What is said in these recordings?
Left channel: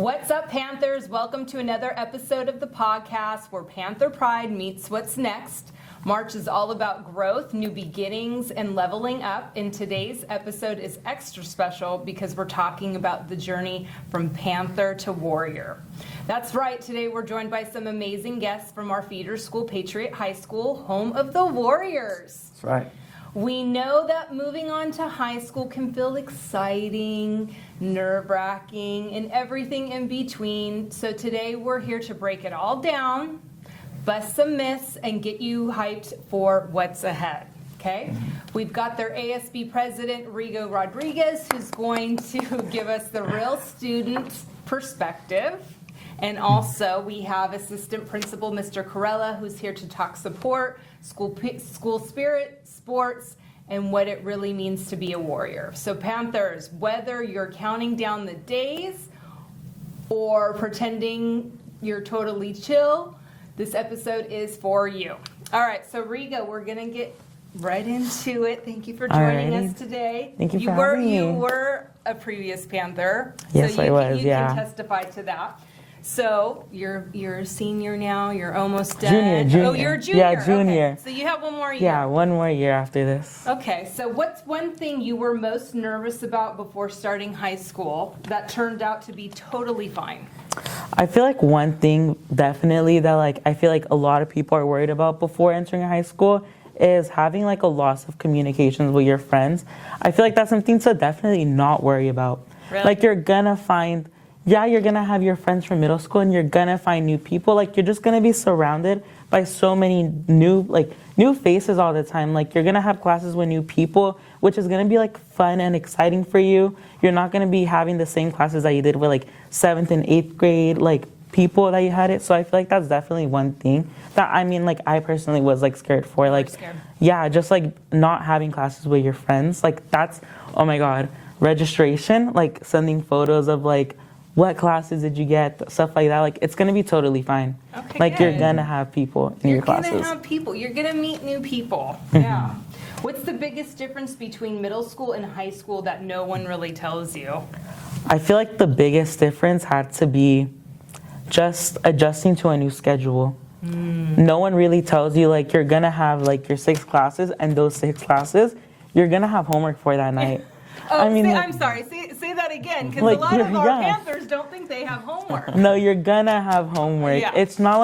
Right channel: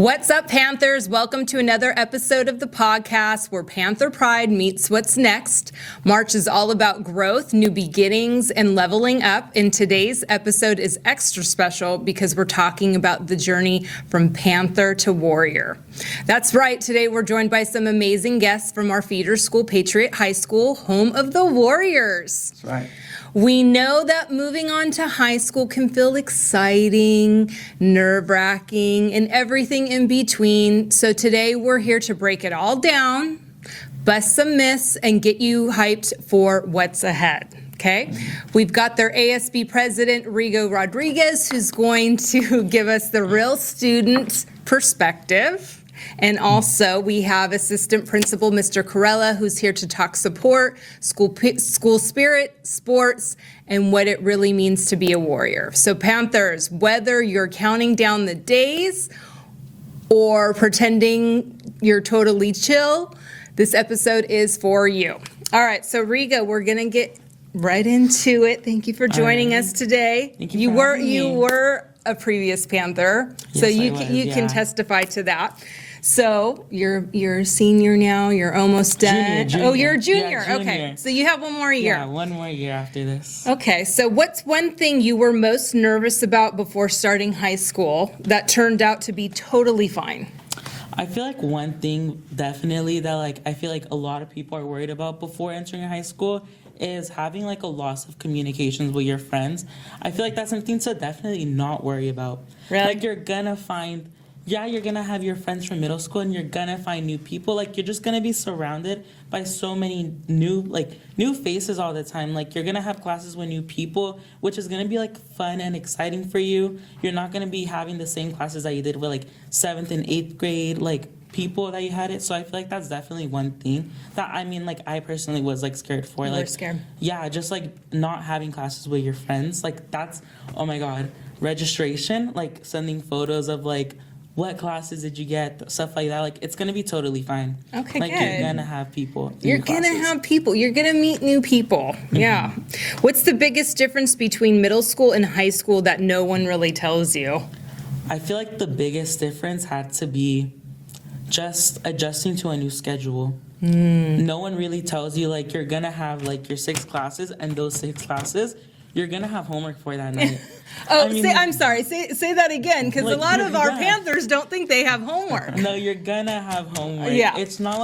What's up, Panthers? Welcome to another episode of the podcast where Panther Pride meets what's next. March is all about growth, new beginnings, and leveling up. And today's episode is extra special because we're talking about the journey from Panther to Warrior. That's right. Today we're joined by some amazing guests from our feeder school, Patriot High School, home of the Warriors. That's right. We know that moving on to high school can feel exciting, nerve-wracking, and everything in between. So today we're here to break it all down, bust some myths, and get you hyped for what's ahead. Okay? We've got their ASB president, Rigo Rodriguez, who's going to give us the real student perspective. And also, we have Assistant Principal Mr. Corella, who's here to talk support, school spirit, sports, and what it really means to be a warrior. So Panthers, whether you're counting down the days or pretending you're totally chill, this episode is for you. All right, so Rigo, we're going to get right into it. Thank you for joining us today. Thank you for having me. You were a previous Panther, yes, so you can testify to that. So you're a senior now. You're almost done. Junior. Oh, you're a junior. Yeah, junior. Okay. So you have one more year. Yeah, one more year after this. Okay. So what's one thing you were most nervous about before starting high school that turned out to be totally fine? I feel like one thing definitely that I feel like a lot of people are worried about before entering high school is having a loss of communications with your friends. I feel like that's something to definitely not worry about. Really? You're gonna find. Yeah, you're going to have your friends from middle school and you're going to find new people. You're just going to be surrounded by so many new faces all the time. You're going to have classes with new people, which is going to be, fun and exciting for you. You're not going to be having the same classes that you did with, 7th and 8th grade, people that you had it. So I feel like that's definitely one thing that, I personally was, scared for. Scared. Yeah, just, not having classes with your friends. That's, oh, my God, registration, sending photos of, what classes did you get, stuff like that. It's going to be totally fine. Okay, good. You're going to have people in your classes. You're going to have people. You're going to meet new people. Yeah. What's the biggest difference between middle school and high school that no one really tells you? I feel like the biggest difference had to be just adjusting to a new schedule. No one really tells you, you're going to have, your 6 classes, and those 6 classes, you're going to have homework for that night. I'm sorry. Say that again, because a lot of our Panthers don't think they have homework. No, you're gonna have homework. Yeah. It's not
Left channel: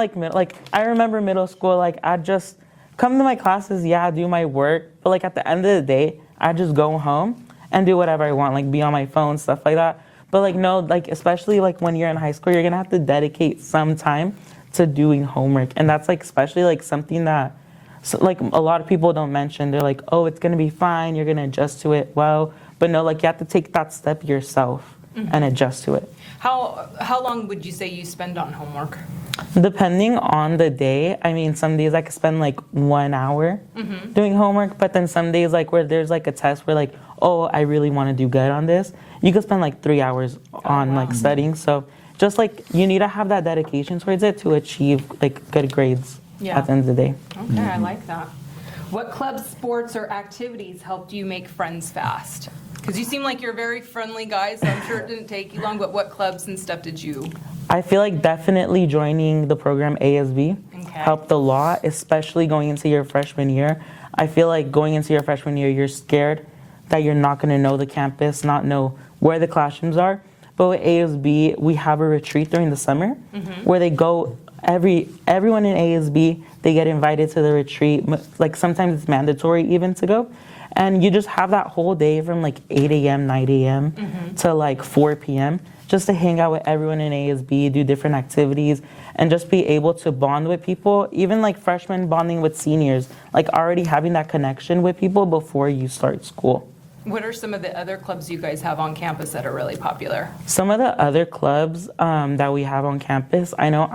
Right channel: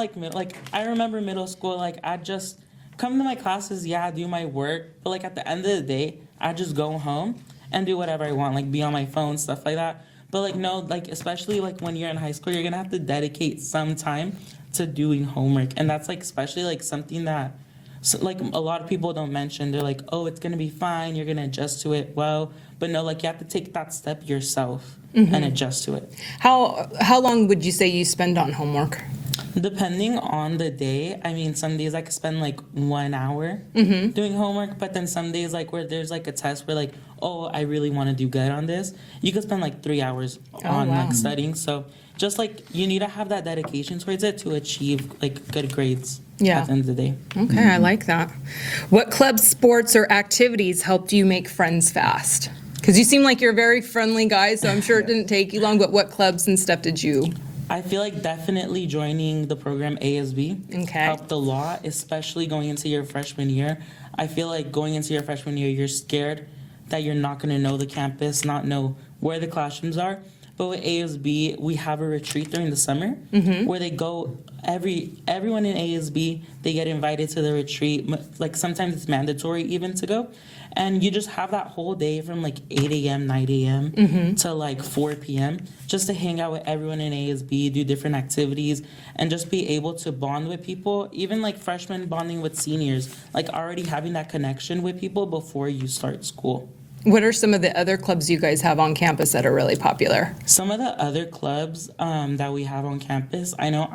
I remember middle school. I'd just come to my classes. Yeah, do my work. But at the end of the day, I'd just go home and do whatever I want. Be on my phone, stuff like that. But no, especially when you're in high school, you're gonna have to dedicate some time to doing homework, and that's especially something that. So, a lot of people don't mention. They're oh, it's gonna be fine. You're gonna adjust to it well. But no, you have to take that step yourself and adjust to it. How long would you say you spend on homework? Depending on the day. Some days I could spend 1 hour doing homework, but then some days where there's a test where oh, I really want to do good on this, you could spend 3 hours on studying. So just you need to have that dedication towards it to achieve good grades. Yeah. At the end of the day. Okay, I like that. What club sports or activities helped you make friends fast? Because you seem like you're a very friendly guy, so I'm sure it didn't take you long, but what clubs and stuff did you? I feel definitely joining the program ASB helped a lot, especially going into your freshman year. I feel going into your freshman year, you're scared that you're not going to know the campus, not know where the classrooms are. But with ASB, we have a retreat during the summer where they go, everyone in ASB, they get invited to the retreat. Sometimes it's mandatory even to go. And you just have that whole day from 8 a.m., 9 a.m. to 4 p.m. just to hang out with everyone in ASB, do different activities, and just be able to bond with people, even freshmen bonding with seniors, already having that connection with people before you start school. What are some of the other clubs you guys have on campus that are really popular? Some of the other clubs that we have on campus, I know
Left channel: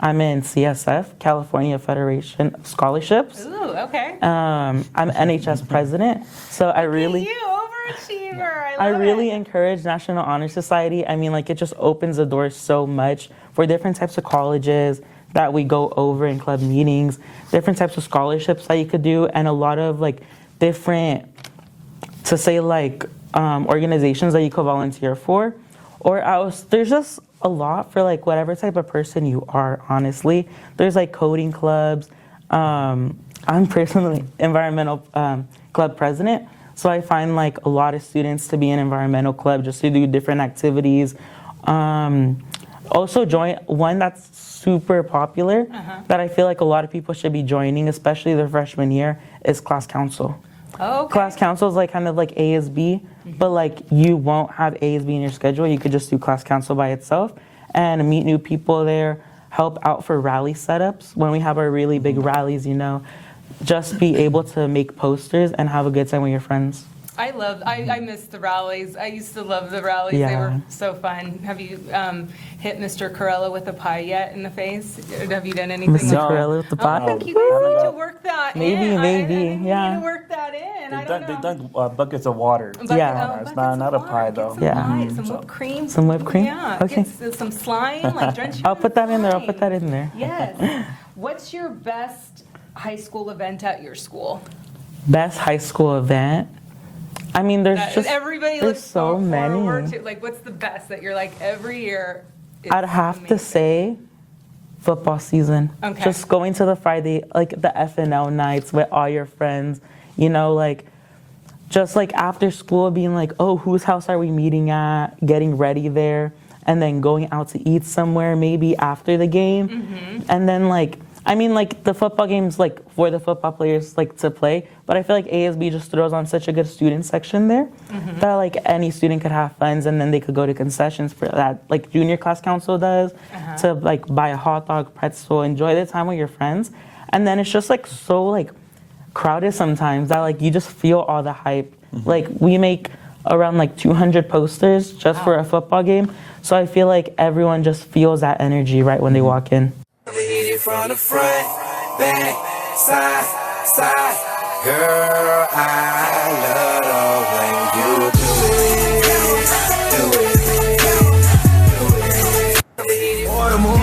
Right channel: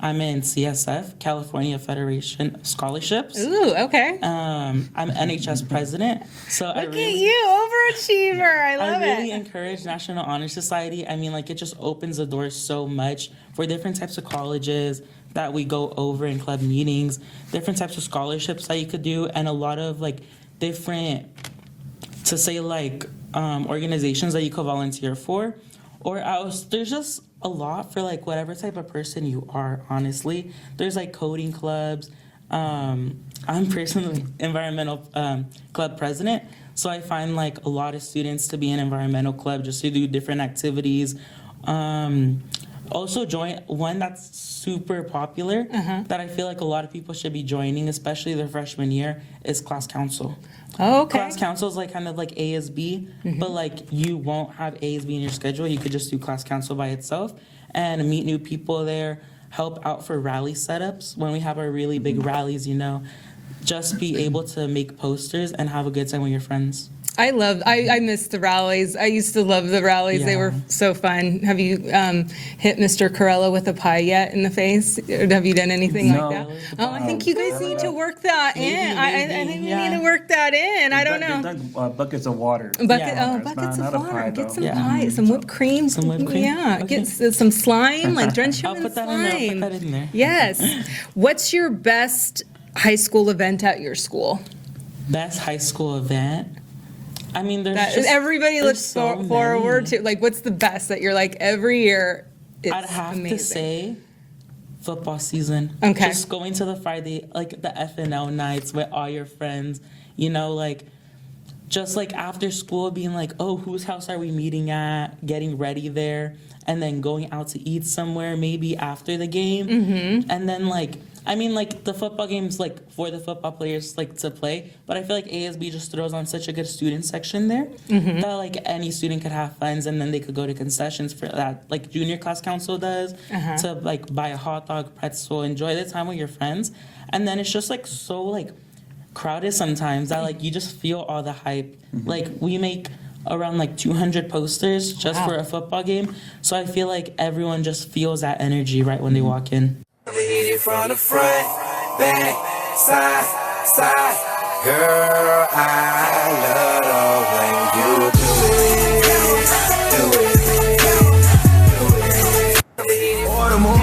I'm in CSF, California Federation of Scholarships. Ooh, okay. I'm NHS president, so Look at you, overachiever. I really encourage National Honor Society. It just opens the doors so much for different types of colleges that we go over in club meetings, different types of scholarships that you could do, and a lot of different, to say organizations that you could volunteer for, or else there's just a lot for like whatever type of person you are, honestly. There's like coding clubs. I'm personally environmental club president, so I find like a lot of students to be in environmental club just to do different activities. Also join one that's super popular that I feel like a lot of people should be joining, especially their freshman year, is class council. Oh, okay. Class council is like kind of like ASB, but like you won't have ASB in your schedule. You could just do class council by itself and meet new people there, help out for rally setups. When we have our really big rallies, you know, just be able to make posters and have a good time with your friends. I miss the rallies. I used to love the rallies. Yeah. They were so fun. Have you hit Mr. Corella with a pie yet in the face? Or have you done anything? Mr. Corella with the pie? I think you guys need to work that in. I Maybe, think yeah. we need to work that in. I don't know. Buckets of water. Buckets not of a water. pie, Get though. some Yeah. pie, some whipped cream. Some whipped cream? Yeah. Okay. Get some slime, like drench you I'll in put that in there. I'll put slime. that in there. Yes. What's your best high school event at your school? Best high school event? I mean, there's just Everybody there's looks so forward many. to. Like, what's the best that you're like every year? It's I'd have amazing. to say football season. Okay. Just going to the Friday, like the FNL nights with all your friends, you know, like just like after school being like, oh, whose house are we meeting at? Getting ready there, and then going out to eat somewhere maybe after the game. And then like, I mean, like the football games, like for the football players, like to play. But I feel like ASB just throws on such a good student section there that like any student could have funds, and then they could go to concessions for that, like junior class council does, to like buy a hot dog, pretzel, enjoy the time with your friends. And then it's just like so like crowded sometimes that like you just feel all the hype. Like we make around like 200 posters just for a football game. So I feel like everyone just feels that energy right when they walk in. Hit it from the front, back, side, side. Girl, I love when you do it. Order more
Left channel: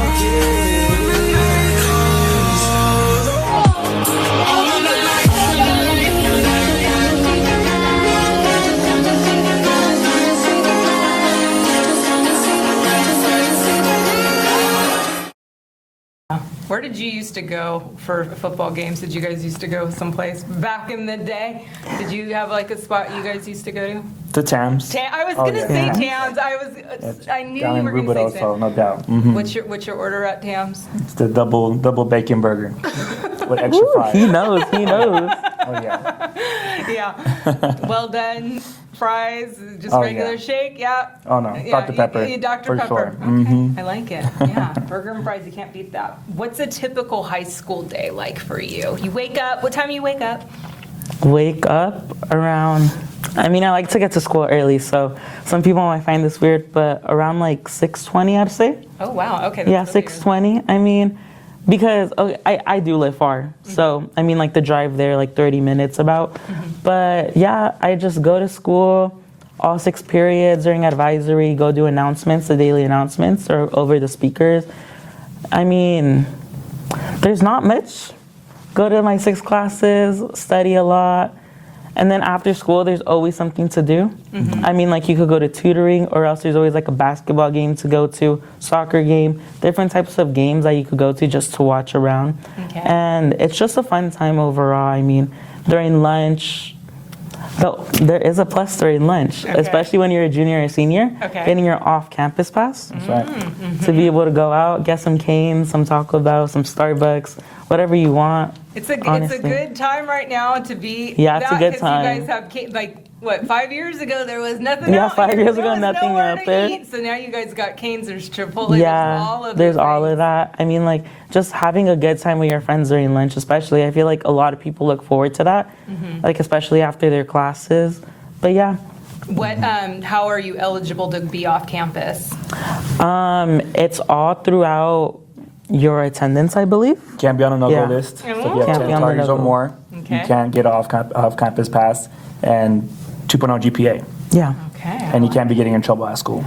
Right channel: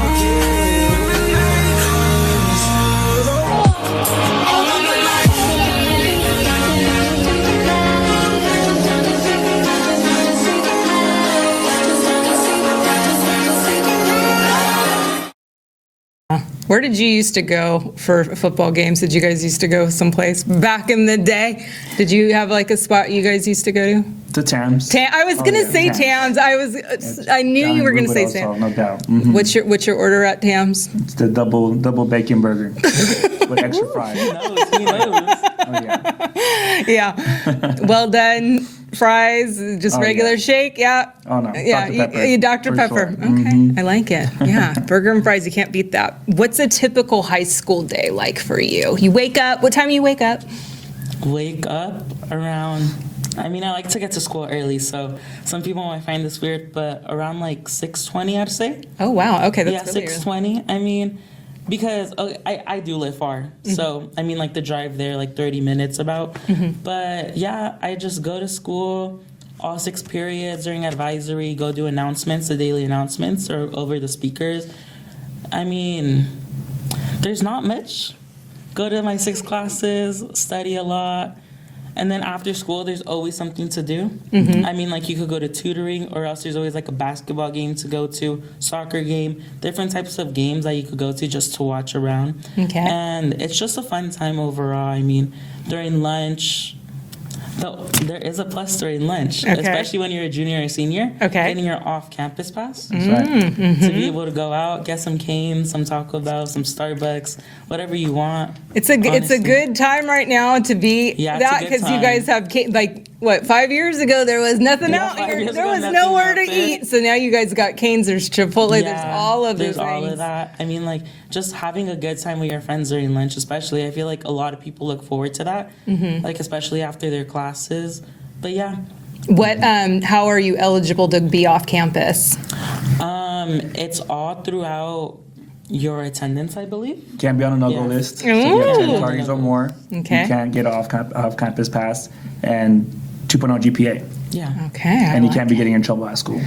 Where did you used to go for football games? Did you guys used to go someplace back in the day? Did you have like a spot you guys used to go to? The Tams. I was gonna say Tams. I knew you were gonna say Tams. No doubt. What's your order at Tams? It's the double bacon burger with extra fries. He knows. Oh yeah. Yeah. Well done. Fries, just Oh, regular yeah. shake. Yeah. Oh no. Yeah, Dr. Pepper. Dr. for Pepper. sure. Okay, I like it. Yeah, burger and fries, you can't beat that. What's a typical high school day like for you? You wake up, what time do you wake up? Wake up around, I mean, I like to get to school early, so some people might find this weird, but around like 6:20, I'd say. Oh, wow, okay. Yeah, That's really 6:20. I mean, because I do live far, so I mean, like the drive there, like 30 minutes about. But yeah, I just go to school all 6 periods during advisory, go do announcements, the daily announcements, or over the speakers. I mean, there's not much. Go to my 6 classes, study a lot. And then after school, there's always something to do. I mean, like you could go to tutoring, or else there's always like a basketball game to go to, soccer game, different types of games that you could go to just to watch around. Okay. And it's just a fun time overall. I mean, during lunch, though there is a plus during lunch, Okay. especially when you're a junior or senior, Okay. getting your off-campus pass. That's right. To be able to go out, get some canes, some Taco Bell, some Starbucks, whatever you want. It's a honestly. good time right now to be Yeah, it's a that, good because you time. guys have like what, 5 years ago there was nothing Yeah, out 5 here. years There ago, was nothing nowhere out to there. eat. So now you guys got canes, there's Chipotle, Yeah, there's all of there's those all things. of that. I mean, like, just having a good time with your friends during lunch, especially. I feel like a lot of people look forward to that, like, especially after their classes. But yeah, What? How are you eligible to be off campus? it's all throughout your attendance, I believe. Can't be on a no-go Yeah. list. So Ooh. you have Can't 10 be on the targets or no-go. more. Okay. You can't get off-campus pass and 2.0 GPA. Yeah. Okay. And you can't be getting in trouble at school.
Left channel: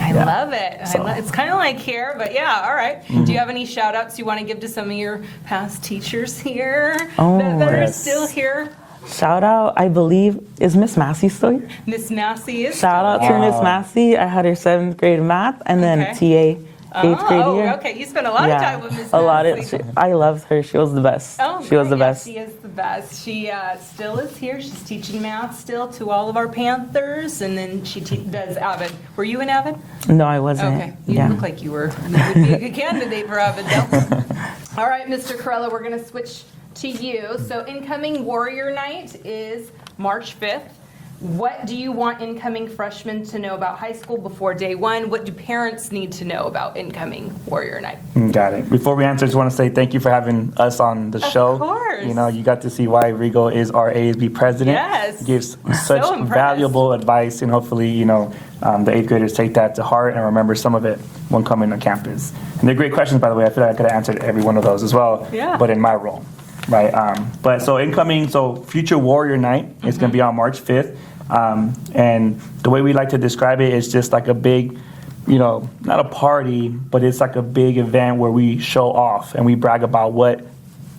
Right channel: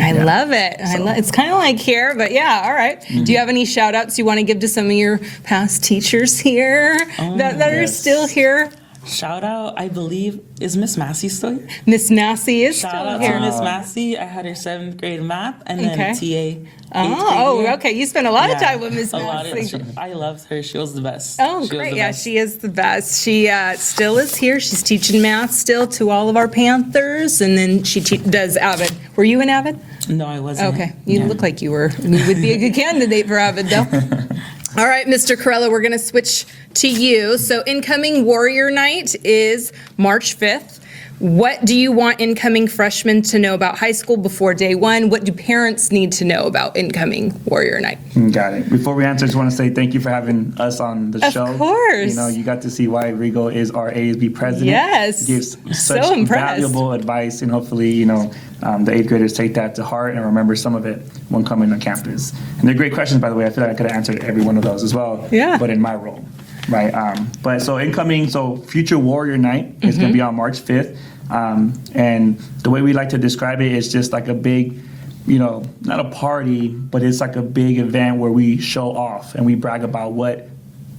I love it. It's kind of like here, but yeah, all right. Do you have any shout outs you want to give to some of your past teachers here that are yes. still here? Shout out, I believe, is Miss Massey still here? Miss Massey is Shout out still to here. Miss Massey. I had her 7th grade math, and then Okay. TA. 8th grade here. Okay. You spent a lot of time with Miss A lot Massey. I loved her. She was the best. Oh, she great. was the Yeah, best. she is the best. She still is here. She's teaching math still to all of our Panthers, and then she does Avid. Were you in Avid? No, I wasn't. Okay. You look like you were. You would be a good candidate for Avid, though. All right, Mr. Corella, we're going to switch to you. So incoming Warrior Night is March 5th. What do you want incoming freshmen to know about high school before day one? What do parents need to know about incoming Warrior Night? Got it. Before we answer, I just want to say thank you for having us on the show. Of course. You know, you got to see why Rigo is our ASB president. Yes. Gives So such impressed. valuable advice, and hopefully, you know, the 8th graders take that to heart and remember some of it when coming to campus. And they're great questions, by the way. I feel like I could have answered every one of those as well. Yeah. But in my role, right? But so incoming, so future Warrior Night is going to be on March 5th. And the way we like to describe it is just like a big, you know, not a party, but it's like a big event where we show off and we brag about what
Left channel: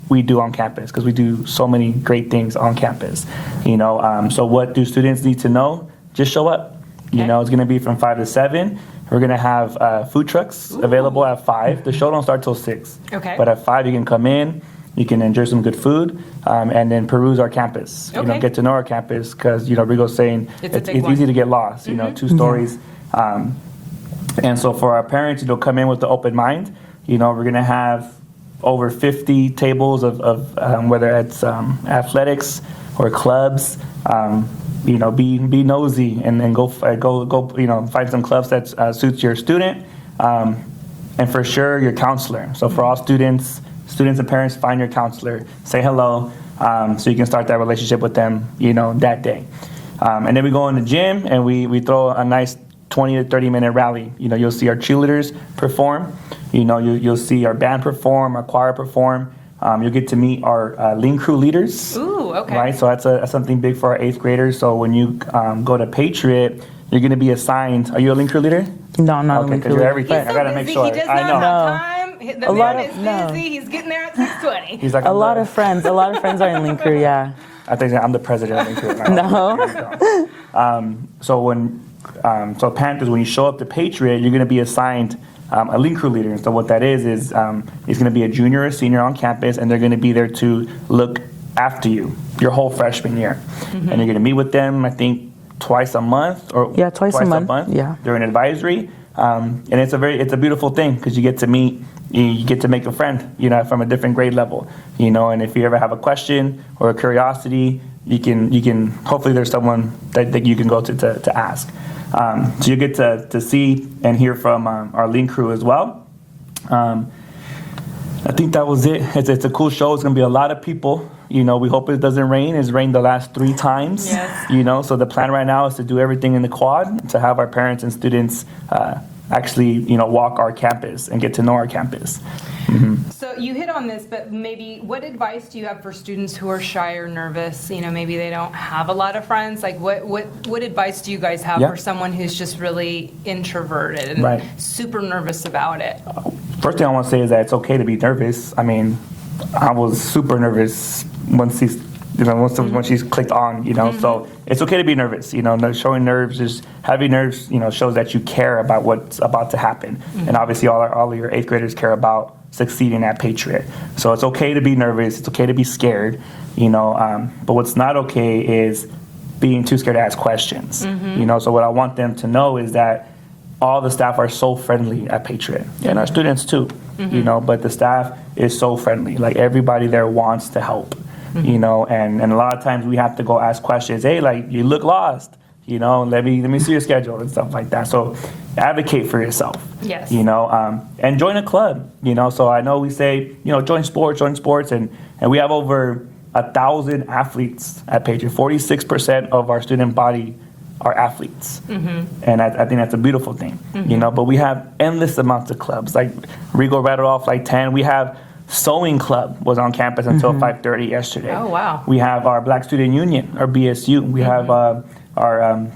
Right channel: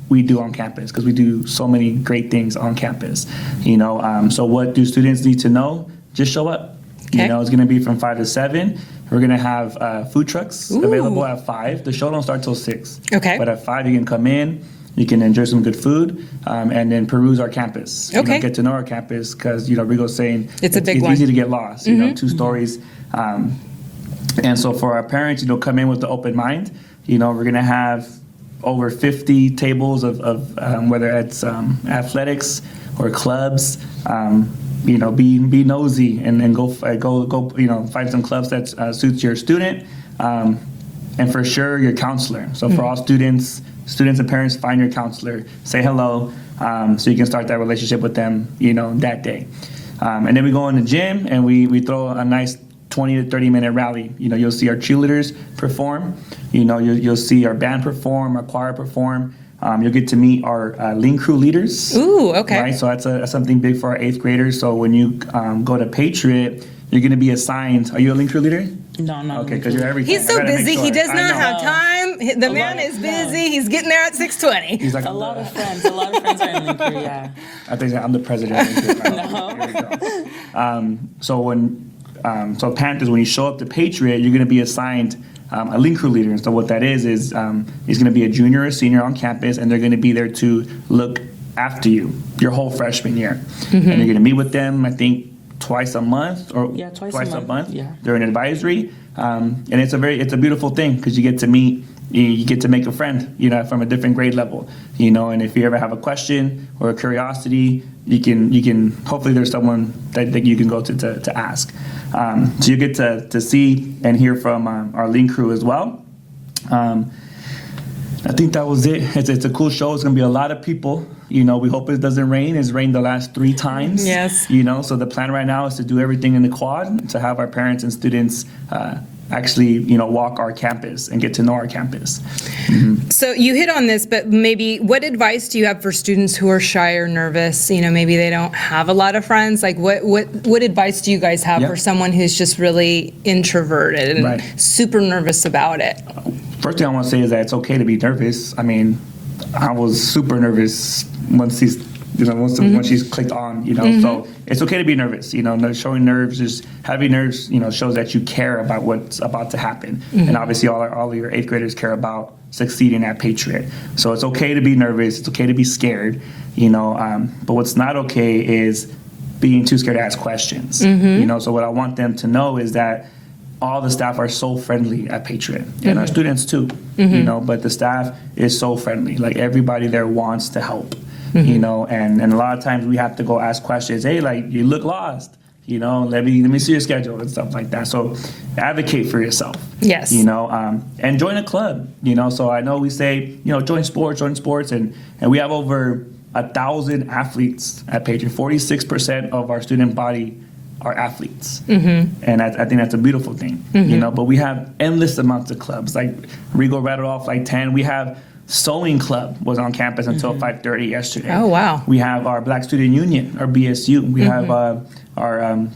we do on campus, because we do so many great things on campus, you know. So what do students need to know? Just show up. Okay. You know, it's going to be from 5 to 7. We're going to have food trucks available at 5. The show don't start till 6. Okay. But at 5, you can come in. You can enjoy some good food, and then peruse our campus. You Okay. know, get to know our campus, because, you know, Rigo's saying It's a big one. easy to get lost. You know, 2 stories. And so for our parents, you know, come in with the open mind. You know, we're going to have over 50 tables of whether it's athletics or clubs. You know, be nosy and then go. You know, find some clubs that suits your student, and for sure your counselor. So for all students and parents, find your counselor, say hello, so you can start that relationship with them. You know, that day, and then we go in the gym and we throw a nice 20 to 30 minute rally. You know, you'll see our cheerleaders perform. You know, you'll see our band perform, our choir perform. You'll get to meet our Lean Crew leaders. Ooh, okay. Right, so that's something big for our 8th graders. So when you go to Patriot, you're going to be assigned. Are you a Lean Crew leader? No, not Okay, because you're everything. He's I so gotta make busy. sure. He does I not know. have time. The A man lot is of- no. busy. He's getting there at 6:20. He's like A lot of friends. A lot of friends are in Link Crew, yeah. I think I'm the president of Lean Crew. No. So Panthers, when you show up to Patriot, you're going to be assigned a Lean Crew leader. And so what that is he's going to be a junior or senior on campus, and they're going to be there to look after you your whole freshman year. And you're going to meet with them, I think, twice a month or Yeah, twice a month, yeah. During advisory, and it's a beautiful thing because you get to meet. You get to make a friend, you know, from a different grade level, you know. And if you ever have a question or a curiosity, you can. Hopefully, there's someone that you can go to ask. So you get to see and hear from our Lean Crew as well. I think that was it. It's a cool show. It's gonna be a lot of people. You know, we hope it doesn't rain. It's rained the last 3 times. Yes. You know, so the plan right now is to do everything in the quad to have our parents and students actually, you know, walk our campus and get to know our campus. So you hit on this, but maybe what advice do you have for students who are shy or nervous? You know, maybe they don't have a lot of friends. Like, what advice do you guys have Yeah. for someone who's just really introverted and Right. super nervous about it? First thing I want to say is that it's okay to be nervous. I mean, I was super nervous once she's clicked on, you know. So it's okay to be nervous, you know. Showing nerves is having nerves, you know, shows that you care about what's about to happen. And obviously, all of your 8th graders care about succeeding at Patriot. So it's okay to be nervous. It's okay to be scared, you know. But what's not okay is being too scared to ask questions. You know. So what I want them to know is that all the staff are so friendly at Patriot, and our students too. You know, but the staff is so friendly. Like, everybody there wants to help. You know, and a lot of times we have to go ask questions. Hey, like, you look lost. You know, let me see your schedule and stuff like that. So advocate for yourself. Yes. You know, and join a club. You know, so I know we say, you know, join sports, and we have over 1,000 athletes at Patriot. 46% of our student body are athletes, and I think that's a beautiful thing. You know, but we have endless amounts of clubs. Like Rigo rattled off like 10. We have Sewing Club was on campus until 5:30 yesterday. Oh, wow. We have our Black Student Union, our BSU. We have our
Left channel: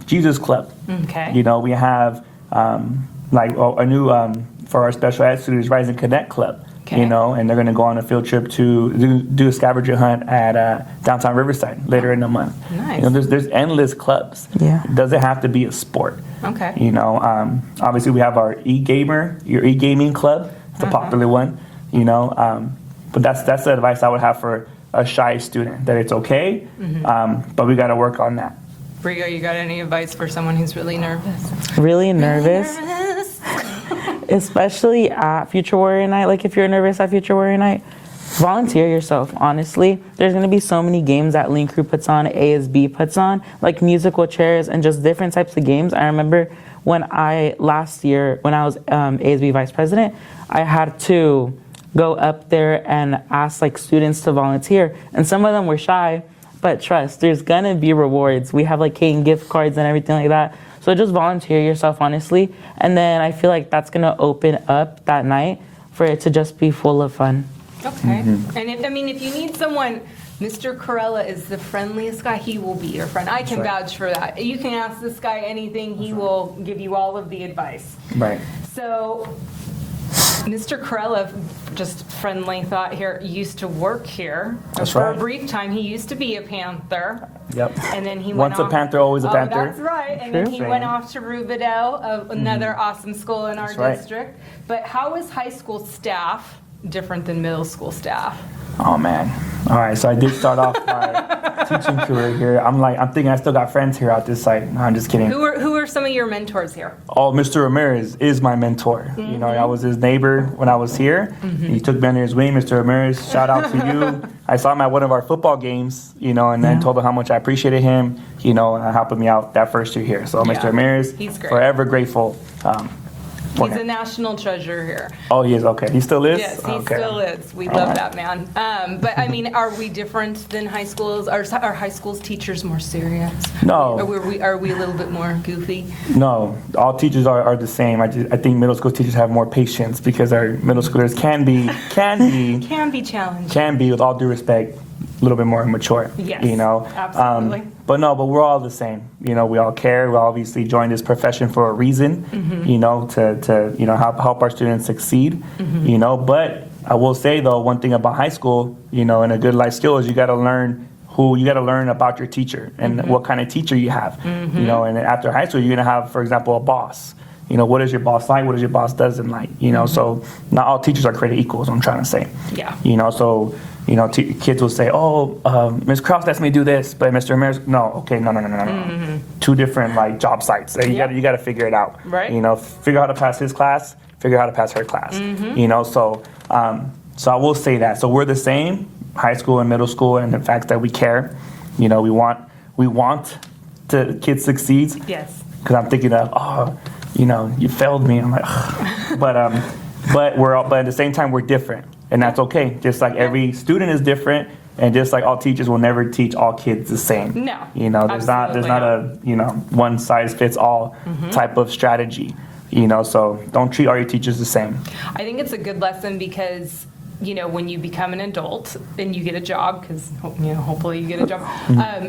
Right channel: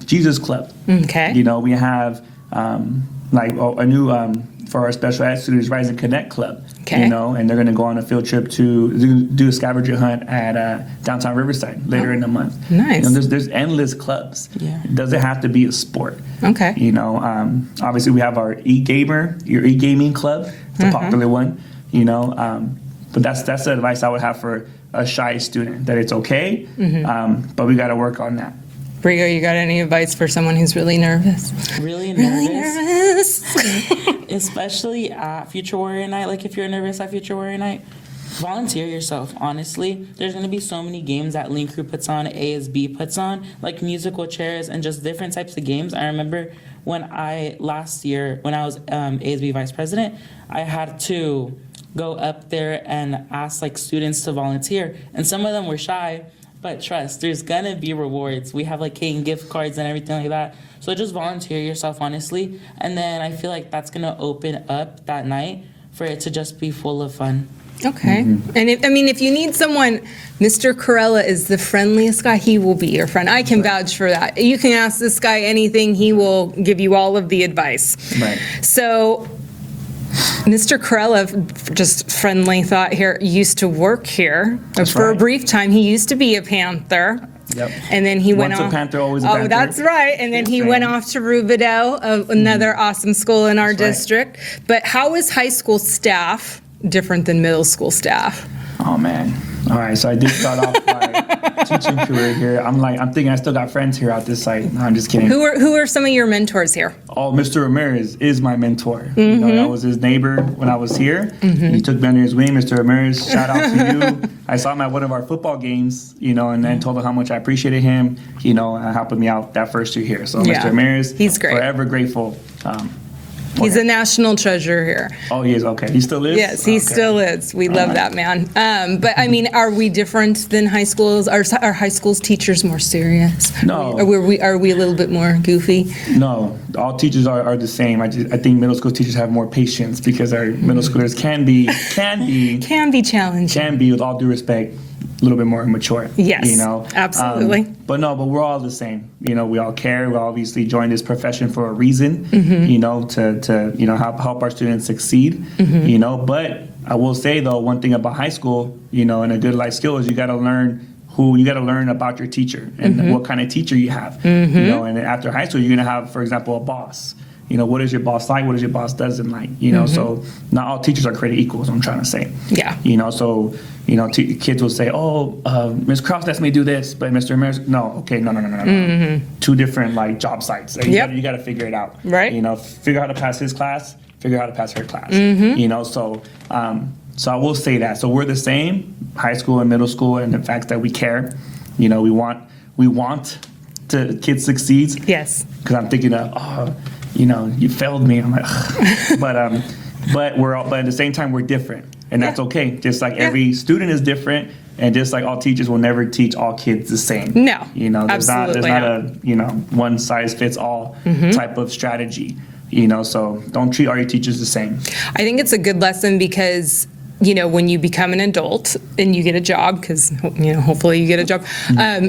Jesus Club. Okay. You know, we have a new for our special ed students, Rise and Connect Club. Okay. You know, and they're going to go on a field trip to do a scavenger hunt at downtown Riverside later in the month. Nice. You know, there's endless clubs. Yeah. It doesn't have to be a sport. Okay. You know, obviously we have our your e-gaming club. It's a popular one. You know, but that's the advice I would have for a shy student, that it's okay, but we got to work on that. Brigo, you got any advice for someone who's really nervous? Really nervous. Nervous. Especially at Future Warrior Night. Like, if you're nervous at Future Warrior Night, volunteer yourself, honestly. There's going to be so many games that Link Crew puts on, ASB puts on, like musical chairs and just different types of games. I remember last year, when I was ASB vice president, I had to go up there and ask like students to volunteer. And some of them were shy, but trust, there's going to be rewards. We have like cake and gift cards and everything like that. So just volunteer yourself, honestly. And then I feel like that's going to open up that night for it to just be full of fun. Okay. And if you need someone, Mr. Corella is the friendliest guy. He will be your friend. I can vouch for that. You can ask this guy anything. He will give you all of the advice. Right. So Mr. Corella, just friendly thought here, used to work here. That's for a right. brief time. He used to be a Panther. Yep. And then he went Once off. a Panther, always a Panther. Oh, that's right. And then he Sure went thing. off to Rubidoux, another awesome school in our That's right. district. But how is high school staff different than middle school staff? Oh man. All right, so I did start off my teaching career here. I'm thinking I still got friends here out this site. No, I'm just kidding. Who are some of your mentors here? Oh, Mr. Ramirez is my mentor. You know, I was his neighbor when I was here. He took me under his wing. Mr. Ramirez, shout out to you. I saw him at one of our football games, you know, and then told him how much I appreciated him, you know, and helping me out that first year here. So Yeah. Mr. Ramirez, He's great. forever grateful. He's a national treasure here. Oh, he is? Okay. He still is? Yes, he Okay. still is. We All love right. that man. But I mean, are we different than high schools? Are high schools teachers more serious? No. Are we a little bit more goofy? No, all teachers are the same. I think middle school teachers have more patience because our middle schoolers can be, Can be challenging. with all due respect, a little bit more mature. Yes, you know, absolutely. But we're all the same. You know, we all care. We obviously joined this profession for a reason. You know, to help our students succeed. You know, but I will say though, one thing about high school, you know, and a good life skill is you got to learn about your teacher and what kind of teacher you have. You know, and after high school, you're gonna have, for example, a boss. You know, what is your boss like? What is your boss doesn't like? You know, so not all teachers are created equal, is what I'm trying to say. Yeah. You know, so, you know, kids will say, Ms. Krause lets me do this, but Mr. Ramirez, no, okay, no. Two different, like, job sites. You Yep. got to figure it out. Right. You know, figure out how to pass his class, figure out how to pass her class. You know, so I will say that. So we're the same, high school and middle school, and the fact that we care. You know, we want to kids succeed. Yes. Because I'm thinking of, you know, you failed me. I'm like, ugh. but at the same time we're different, and that's okay. Just like every student is different, and just like all teachers will never teach all kids the same. No, you know, there's not a one size fits all type of strategy. You know, so don't treat all your teachers the same. I think it's a good lesson because, you know, when you become an adult and you get a job, because, you know, hopefully you get a job,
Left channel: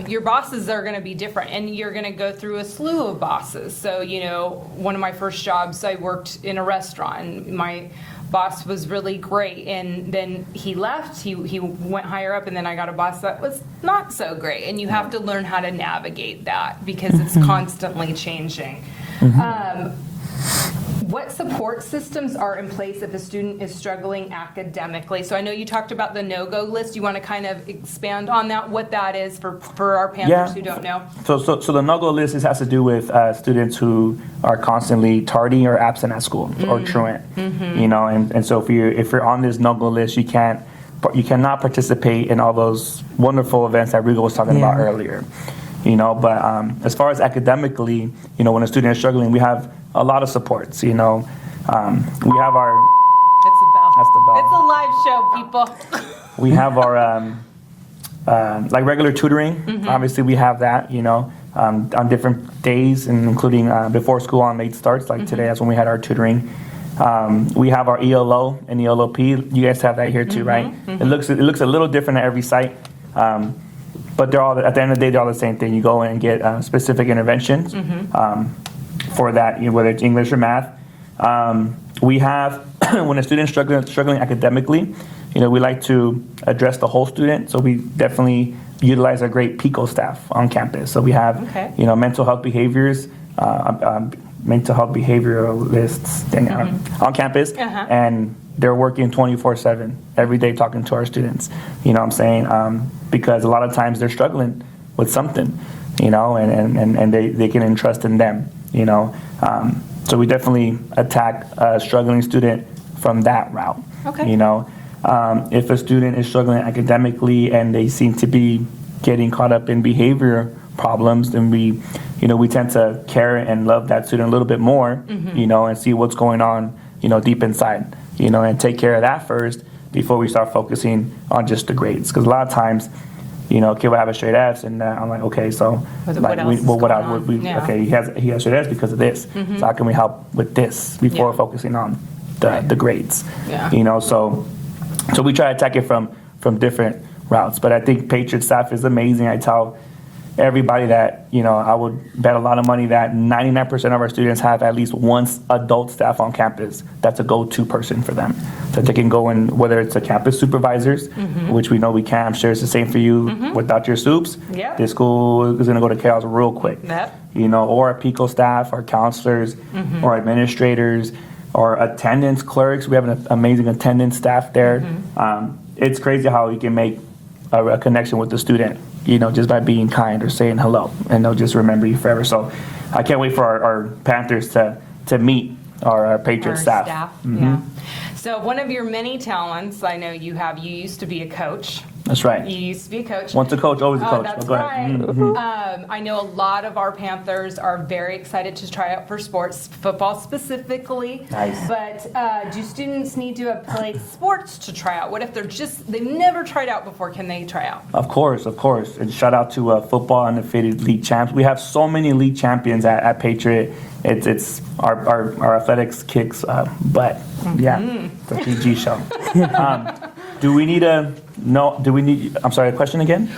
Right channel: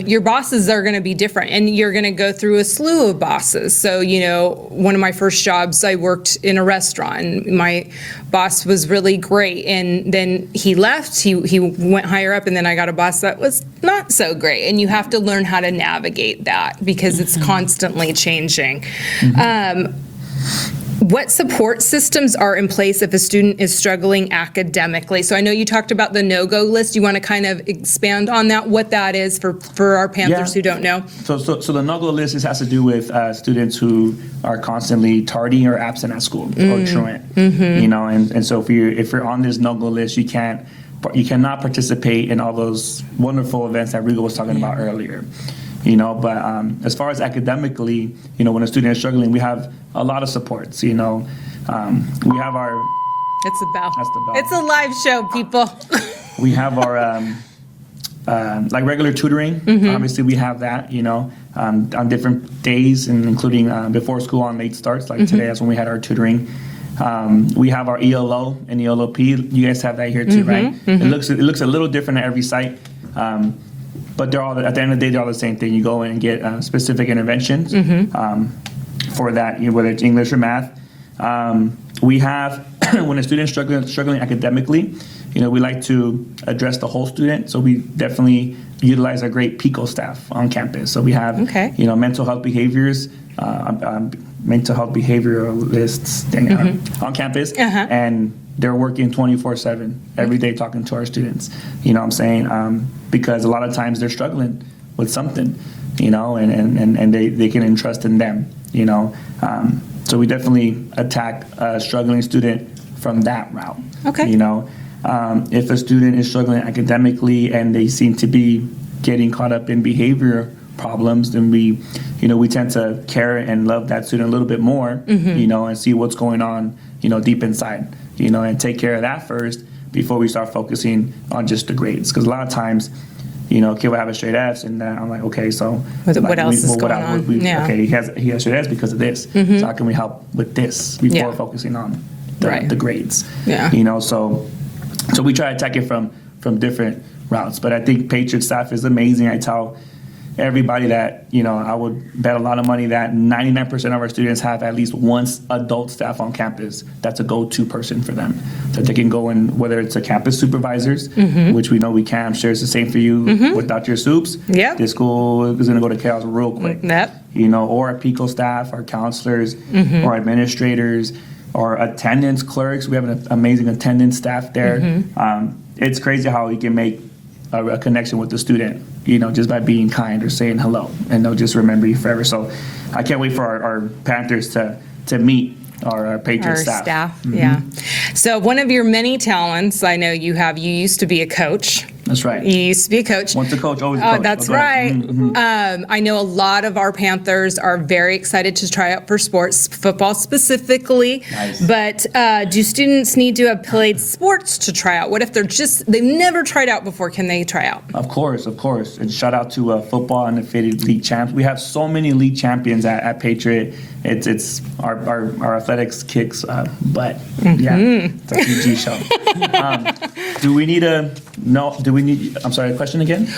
your bosses are going to be different, and you're going to go through a slew of bosses. So, you know, one of my first jobs, I worked in a restaurant, and my boss was really great, and then he left, he went higher up, and then I got a boss that was not so great, and you have to learn how to navigate that because it's constantly changing. What support systems are in place if a student is struggling academically? So I know you talked about the no-go list. You want to kind of expand on that, what that is for our Panthers who don't know? So the no-go list has to do with students who are constantly tardy or absent at school or truant. You know, and so if you're on this no-go list, you cannot participate in all those wonderful events that Rigo was talking about earlier. You know, but as far as academically, you know, when a student is struggling, we have a lot of supports. You know, we have our. It's a bell. That's the bell. It's a live show, people. We have our like regular tutoring. Obviously, we have that. You know, on different days, and including before school on late starts. Like today, that's when we had our tutoring. We have our ELO and ELOP. You guys have that here too, right? It looks a little different at every site. But they're all, at the end of the day, they're all the same thing. You go in and get specific interventions for that, you know, whether it's English or math. We have, when a student's struggling academically, we like to address the whole student. So we definitely utilize a great PICO staff on campus. So we have, mental health behaviors, mental health behavioralists on campus, and they're working 24/7 every day talking to our students. You know what I'm saying? Because a lot of times they're struggling with something, and they can entrust in them, So we definitely attack a struggling student from that route. Okay. If a student is struggling academically and they seem to be getting caught up in behavior problems, then we tend to care and love that student a little bit more, and see what's going on, deep inside, and take care of that first before we start focusing on just the grades. Because a lot of times, kid will have a straight F's, and I'm like, okay, so what else is going on? Okay, he has straight F's because of this. So how can we help with this before focusing on the grades? Yeah. So we try to attack it from different routes. But I think Patriot staff is amazing. I tell everybody that, I would bet a lot of money that 99% of our students have at least one adult staff on campus that's a go-to person for them. That they can go in, whether it's a campus supervisors, which we know we can. I'm sure it's the same for you without your soups. Yep. This school is going to go to chaos real quick. Yep. Or our PICO staff, our counselors, or administrators, or attendance clerks. We have an amazing attendance staff there. It's crazy how you can make a connection with the student, just by being kind or saying hello, and they'll just remember you forever. So I can't wait for our Panthers to meet our Patriot staff. Yeah. So one of your many talents, I know you used to be a coach. That's right. You used to be a coach. Once a coach, always a coach. Oh, that's right. I know a lot of our Panthers are very excited to try out for sports, football specifically. Nice. But do students need to have played sports to try out? What if they've never tried out before? Can they try out? Of course. And shout out to football undefeated league champs. We have so many league champions at Patriot. It's our athletics kicks butt. Yeah, it's a PG show. I'm sorry, question again?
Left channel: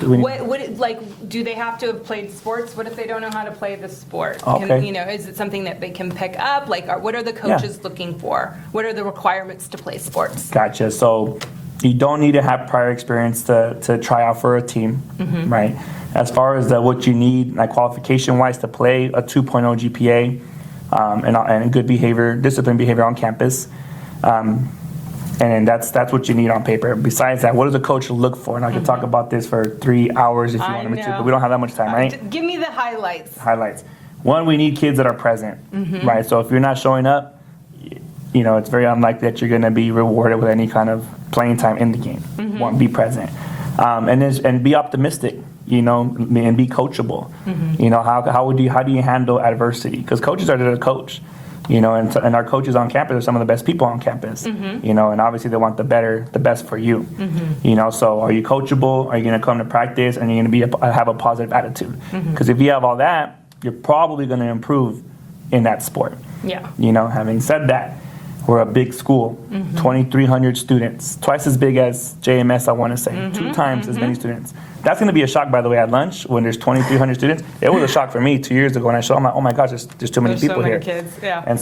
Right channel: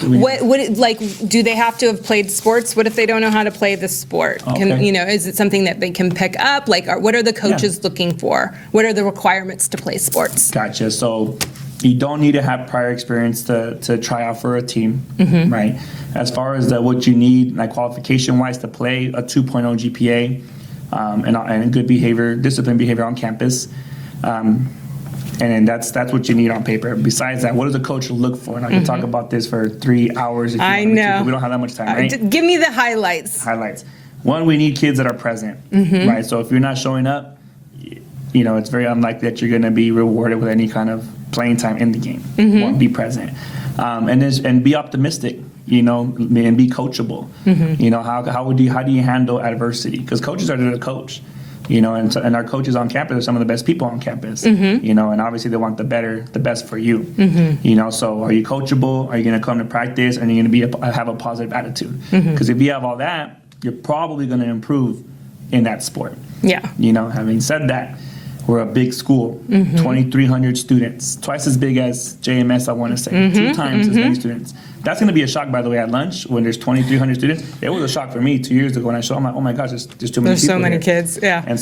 Do they have to have played sports? What if they don't know how to play the sport? Okay. Is it something that they can pick up? What are the coaches looking for? What are the requirements to play sports? Gotcha. So you don't need to have prior experience to try out for a team, right? As far as what you need, qualification-wise, to play a 2.0 GPA and good behavior, disciplined behavior on campus. And that's what you need on paper. Besides that, what does a coach look for? And I can talk about this for 3 hours if you want me to, but we don't have that much time, right? Give me the highlights. One, we need kids that are present, right? So if you're not showing up, it's very unlikely that you're going to be rewarded with any kind of playing time in the game. One, be present, and be optimistic, and be coachable. How do you handle adversity? Because coaches are there to coach. And our coaches on campus are some of the best people on campus, and obviously they want the best for you, so are you coachable? Are you going to come to practice and you're going to have a positive attitude? Because if you have all that, you're probably going to improve in that sport. Yeah. Having said that, we're a big school, 2,300 students, twice as big as JMS, I want to say, 2 times as many students. That's going to be a shock, by the way, at lunch when there's 2,300 students. It was a shock for me 2 years ago when I showed them, oh my gosh, there's too many people here. There's so many kids, yeah. And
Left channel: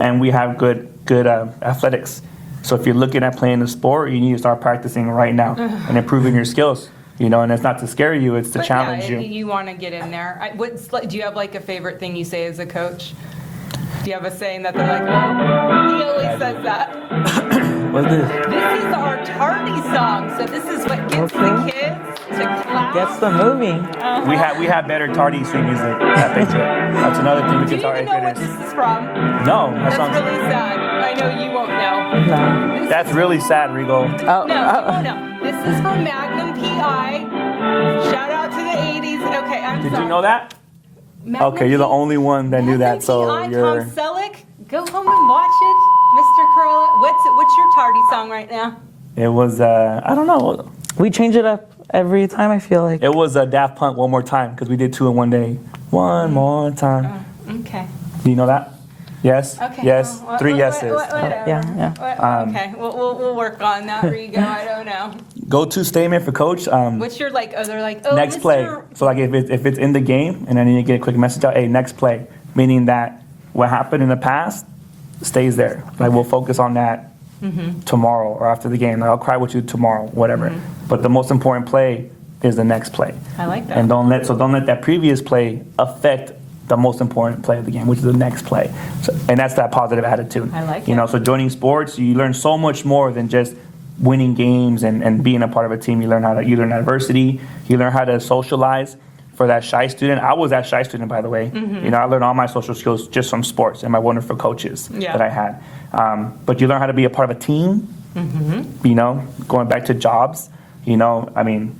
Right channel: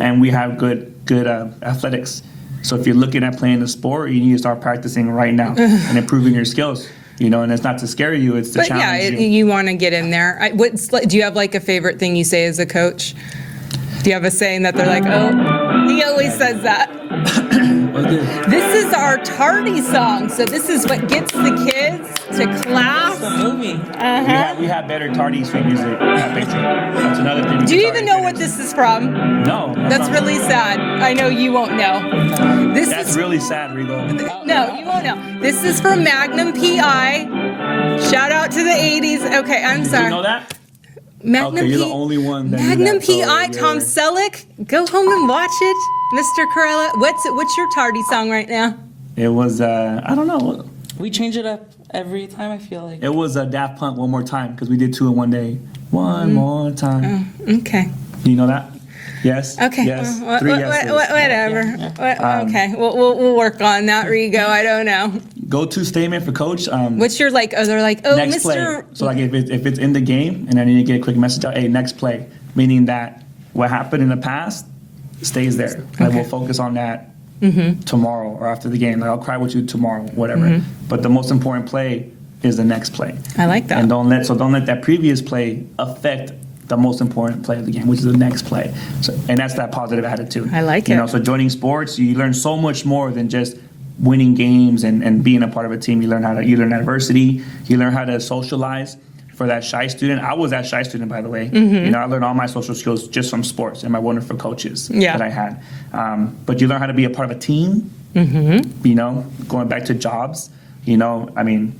and we have good athletics. So if you're looking at playing a sport, you need to start practicing right now and improving your skills. And it's not to scare you, it's to challenge you. You want to get in there. Do you have a favorite thing you say as a coach? Do you have a saying that they're like, oh, he always says that? This is our tardy song, so this is what gets the kids to class. That's the movie. We have better tardy swing music at Patriot. That's another thing. Do you even know what this is from? No. That's really sad. I know you won't know. No. That's really sad, Regal. No, you won't know. This is from Magnum PI. Shout out to the 80s. Okay, I'm sorry. Did you know that? Magnum you're the only one that knew Magnum that. So PI, Tom Selleck. Go home and watch it. Mr. Corella, what's your tardy song right now? It was, I don't know. We change it up every time, I feel like. It was Daft Punk, One More Time, because we did 2 in one day. One more time. Okay. Do you know that? Yes? Okay. Yes. 3 yeses. Whatever. Yeah. Okay. We'll work on that, Rigo. I don't know. Go-to statement for coach. What's your they're like, oh, next Mr. play. So if it's in the game and I need to get a quick message out, hey, next play. Meaning that what happened in the past stays there. Like we'll focus on that tomorrow or after the game. Like, I'll cry with you tomorrow, whatever. But the most important play is the next play. I like that. And don't let that previous play affect the most important play of the game, which is the next play. So, and that's that positive attitude. I like You it. know, so joining sports, you learn so much more than just winning games and being a part of a team. You learn adversity. You learn how to socialize. For that shy student, I was that shy student, by the way. You know, I learned all my social skills just from sports and my wonderful coaches that I had. But you learn how to be a part of a team. You know, going back to jobs. You know, I mean,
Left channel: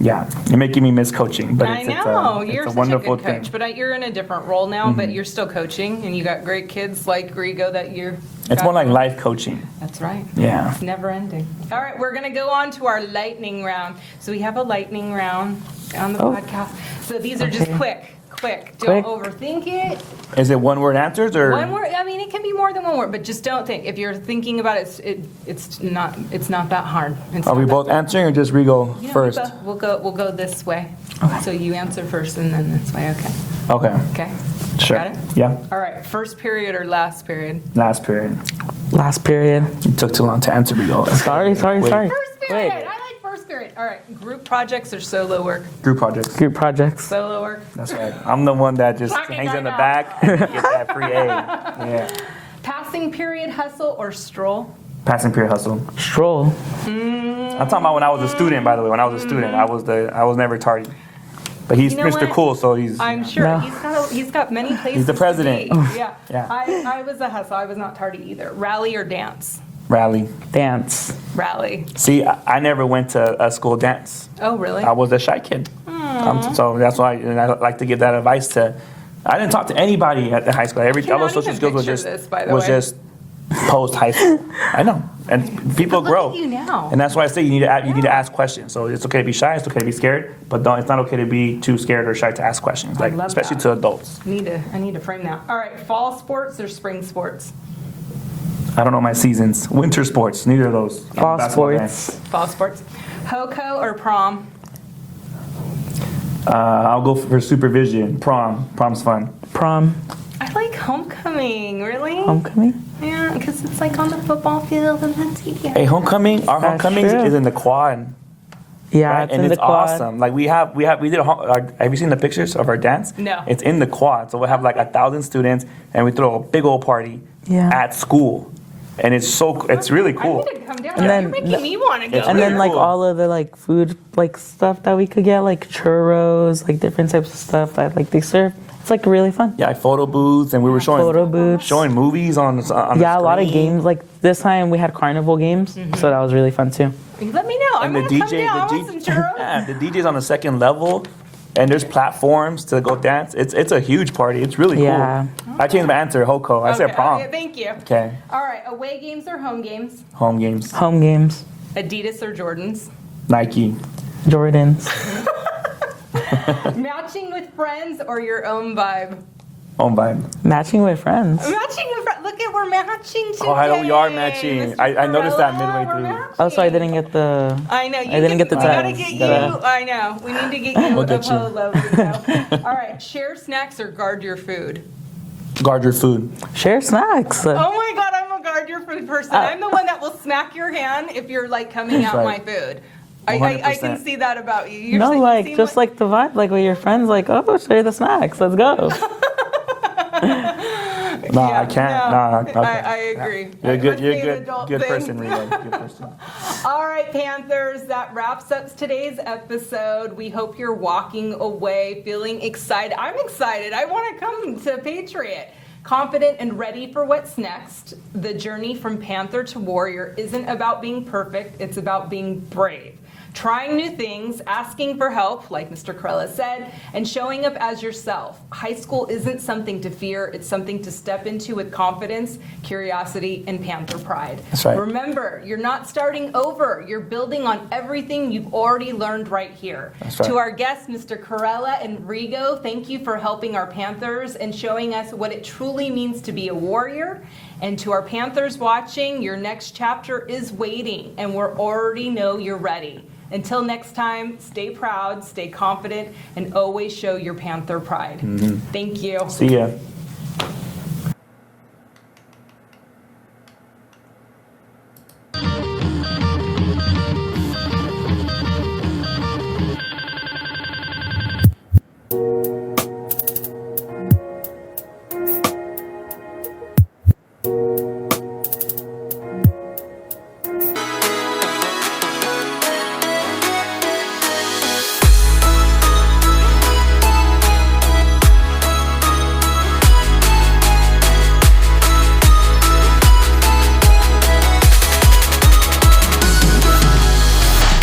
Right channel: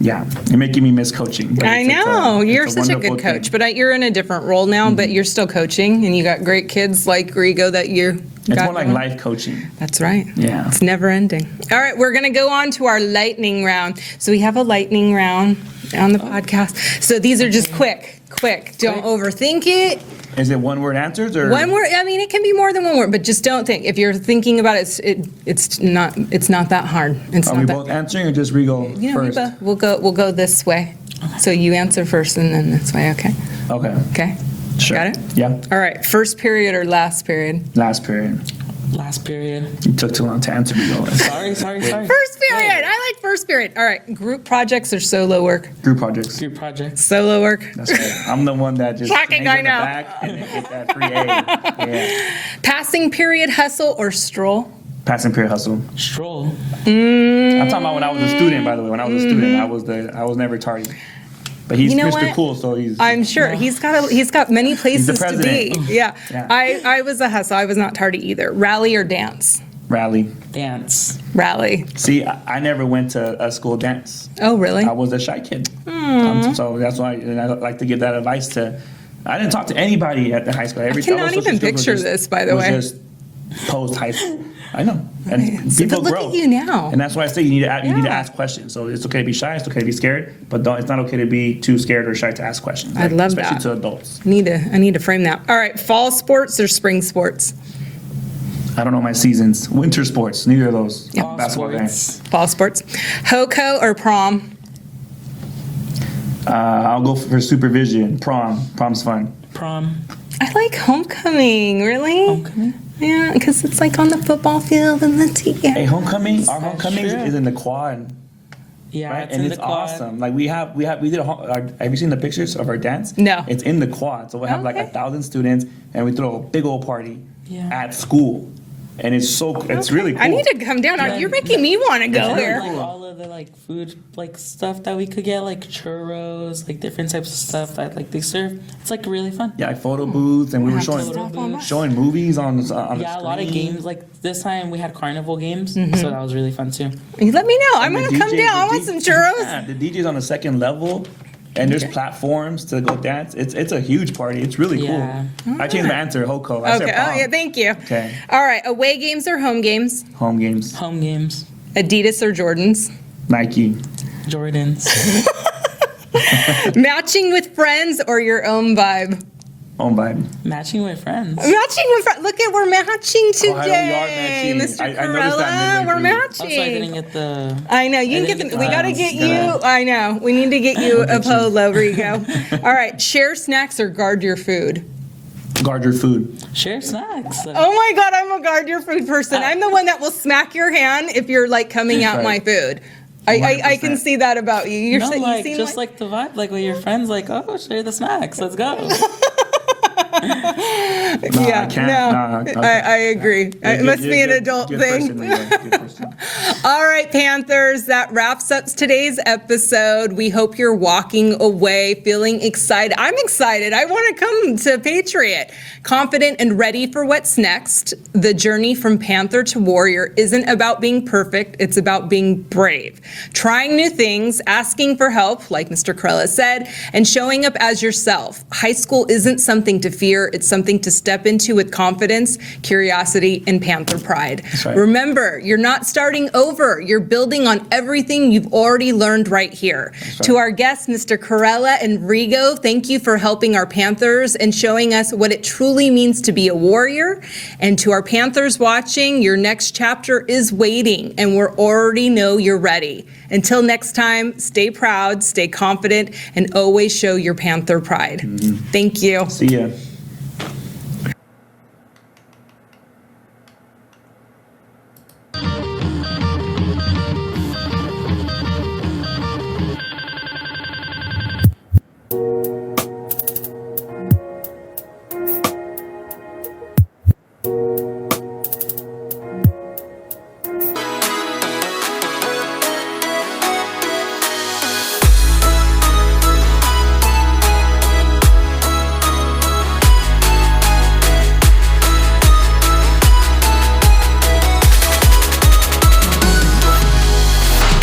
yeah, you're making me miss coaching. But I know. You're such a wonderful good coach, thing. but you're in a different role now, but you're still coaching, and you got great kids like Rigo that you It's more like life coaching. That's right. Yeah. It's never ending. All right, we're going to go on to our lightning round. So we have a lightning round on the podcast. So these are just quick. Don't overthink it. Is it one-word answers or? One word. I mean, it can be more than one word, but just don't think. If you're thinking about it, it's not that hard. It's Are not we that both bad. answering or just Rigo Yeah, first? We'll go this way. So you answer first and then this way. Okay. Okay. Sure. Got it? Yeah. All right. First period or last period? Last period. Last period. You took too long to answer, Rigo. Sorry. First period. I like first period. All right. Group projects or solo work? Group projects. Group projects. Solo work. That's right. I'm the one that just Shocking, hangs I in the know. back and gets that free A. Yeah. Passing period hustle or stroll? Passing period hustle. Stroll. I'm talking about when I was a student, by the way. When I was a student, I was never tardy. But he's You know Mr. what? Cool, so he's. I'm sure No. he's got many places the to be. president. Yeah. Yeah. I was a hustle. I was not tardy either. Rally or dance? Rally. Dance. Rally. See, I never went to a school dance. Oh, really? I was a shy kid. So that's why I like to give that advice to. I didn't talk to anybody at the high school. Every cannot all those social even skills was picture just, this, by the was way. just post high school. I know, and people but look grow. at you now. And that's why I say you need to ask questions. So it's okay to be shy. It's okay to be scared, but it's not okay to be too scared or shy to ask questions. I love especially that. to adults. I need to frame that. All right. Fall sports or spring sports? I don't know my seasons. Winter sports, neither of those. Fall Basketball fan. sports. Fall sports. HOCO or prom? I'll go for supervision. Prom's fun. Prom. I like homecoming. Really? Homecoming. Yeah, because it's like on the football field and the tea. Hey, homecoming. Our That's homecoming true. is in the quad. Yeah, Right? it's And in it's the quad. awesome. Like we did have you seen the pictures of our dance? No. It's in the quad. So we'll have like 1,000 students and we throw a big old party Yeah. at school. And it's really cool. I need to come down. And then- You're making me want to go And there. then like cool. all of the like food like stuff that we could get, like churros, like different types of stuff that like they serve. It's like really fun. Yeah, like photo booths, and we were Photo booths. showing movies on the Yeah, a lot of screen. games. Like this time we had carnival games, so that was really fun too. You let me know. I'm And going the to come DJ down. I want some churros. Yeah, the DJ's on the second level, and there's platforms to go dance. It's a huge party. It's really Yeah. cool. I changed my answer, Hoko. I said Okay. prom. Oh, yeah, thank you. Okay. All right. Away games or home games? Home games, Home games, Adidas or Jordans? Nike, Jordans, Matching with friends or your own vibe? home vibe. matching with friends. Matching with friends. Look at, we're matching today. Oh, we are matching. Mr. I noticed that Corella, midway we're through. matching. Oh, so I didn't get the. I know. You I didn't get the we gotta tabs. get you. Gotta- I know. We need to get you We'll a get you. polo, Rico. All right. Share snacks or guard your food? Guard your food. Share snacks. Oh my God, I'm a guard your food person. I'm the one that will smack your hand if you're like coming out Right. my food. I can 100%. see that about you. You're No, you like seem just like the vibe, like with your friends, like oh, share the snacks. Let's go. Nah, yeah, I can't. no, Nah, I agree. It You're must you're be an good- adult good thing. Person, Rigo. Good person. All right, Panthers, that wraps up today's episode. We hope you're walking away feeling excited. I'm excited. I want to come to Patriot. Confident and ready for what's next. The journey from Panther to Warrior isn't about being perfect, it's about being brave. Trying new things, asking for help, like Mr. Corella said, and showing up as yourself. High school isn't something to fear, it's something to step into with confidence, curiosity, and Panther pride. That's right. Remember, you're not starting over. You're building on everything you've already learned right here. That's right. To our guests, Mr. Corella and Rigo, thank you for helping our Panthers and showing us what it truly means to be a warrior. And to our Panthers watching, your next chapter is waiting, and we already know you're ready. Until next time, stay proud, stay confident, and always show your Panther pride. Thank you. See ya.